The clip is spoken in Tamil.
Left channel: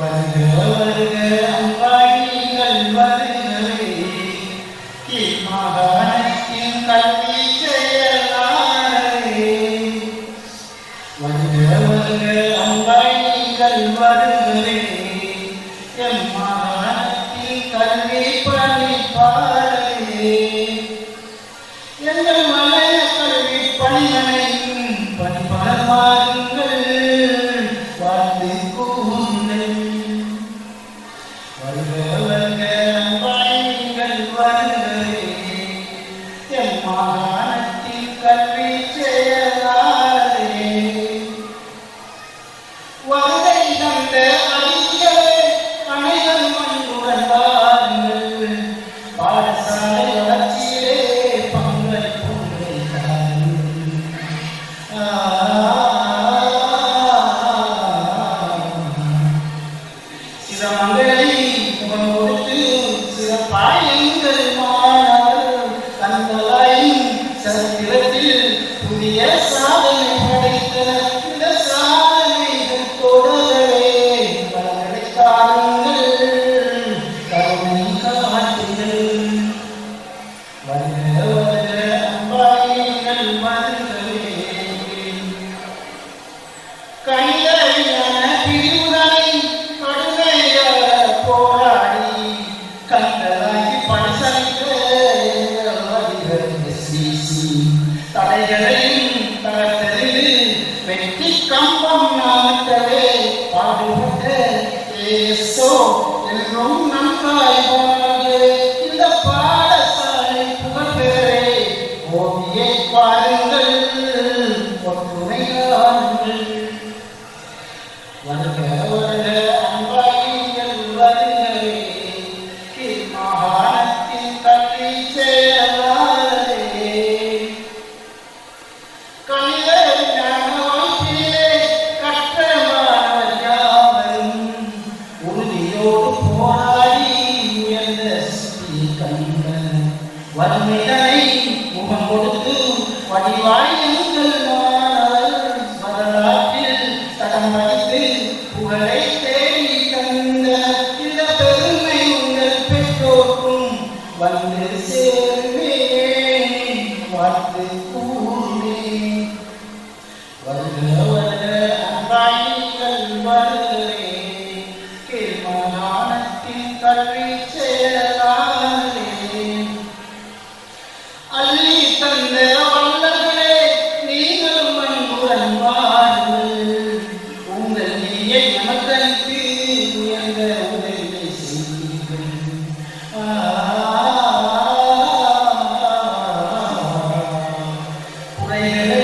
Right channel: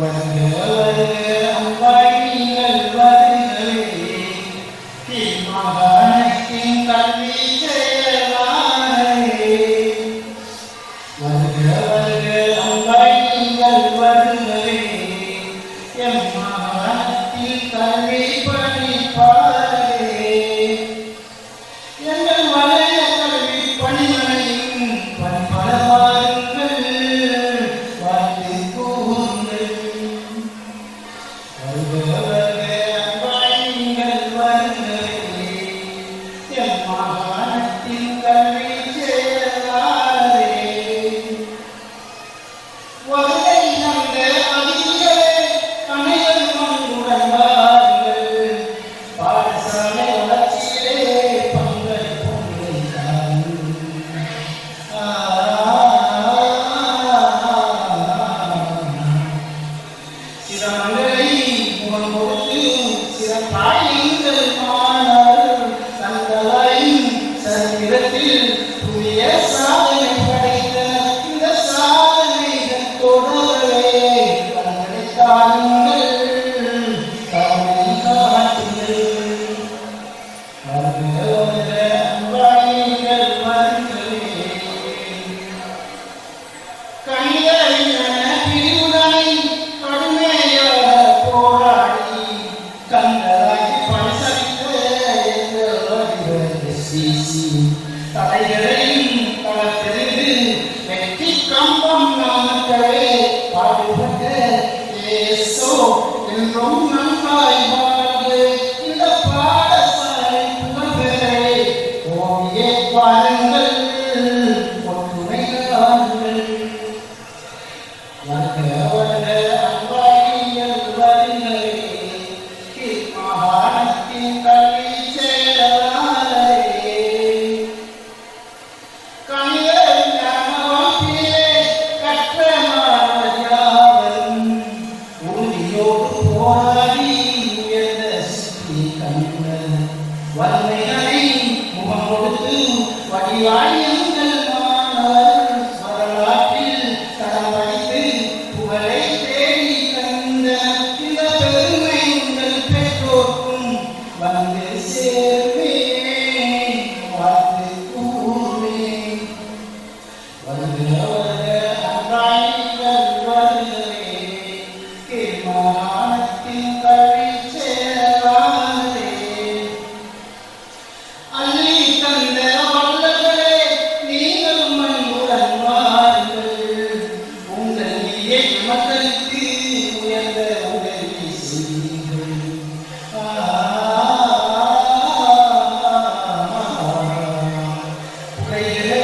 வருக அம்பாயிங்கள் வருகிறே மாகாணத்தின் கல்வி செயலாளரே வருக அம்பாயிங்கள் வருகிறே எம் மாகாணத்தின் கல்வி பணிப்பாளரே எங்கள் மலைய கல்வி பணியனைக்கும் பணிப்பரமாறுங்கள் வாழ்த்து கூறுங்கள் வருக அம்பாயிங்கள் வருகிறே எம் மாகாணத்தின் கல்வி செயலாளரே வருகை கண்ட அதிகளே அனைவரும் அன்புடன் வாருங்கள் பாடசாலை வளர்ச்சியிலே பங்களிப்புரை சிரமங்களை முகம் கொடுத்து சிறப்பாயுங்கள் மாணவர் தங்களாயும் சரித்திரத்தில் புதிய சாதனை படைத்த இந்த சாதனைகள் தொடரவே பலர்களை காணுங்கள் கவனை காட்டுங்கள் வருக அம்பாயிங்கள் வருகிறே கணிதவியான பிரிவுடனை கடுமையாக போராடி கந்தராகி பரிசளித்த எங்கள் வடிவ தடைகளையும் தளர்த்தெறிந்து வெற்றி கம்பம் நாமக்கவே பாடுபட்ட ஏசோ என்றும் நன்றாய் வாழ்ந்து இந்த பாடசாலை புகழ்பெறே ஓவியே பாருங்கள் ஒற்றுமை காணுங்கள் வருக அம்பாயிங்கள் வருகிறே மாகாணத்தின் கல்வி செயலாளரே கணித ஞானவாக்கிலே கற்ற மாணவர் யாவரும் உறுதியோடு போராடி உயர்ந்த சித்தி கண்ட வன்மைகளை முகம் கொடுத்து வடிவாய் எங்கள் மாணவர் வரலாற்றில் தடம் வைத்து புகழை தேடி தந்த இந்த பெருமை உங்கள் பெற்றோர்க்கும் வந்து சேருமே வாழ்த்து கூறுமே வருக அம்பாயிங்கள் வருகிறே மாகாணத்தின் கல்வி செயலாளரே அள்ளி தந்த வல்லகளே நீங்கள் அன்புடன் வாருங்கள் உங்கள் நீயை நமக்களித்து உயர்ந்த உதவி செய்யுங்கள் குறைகளை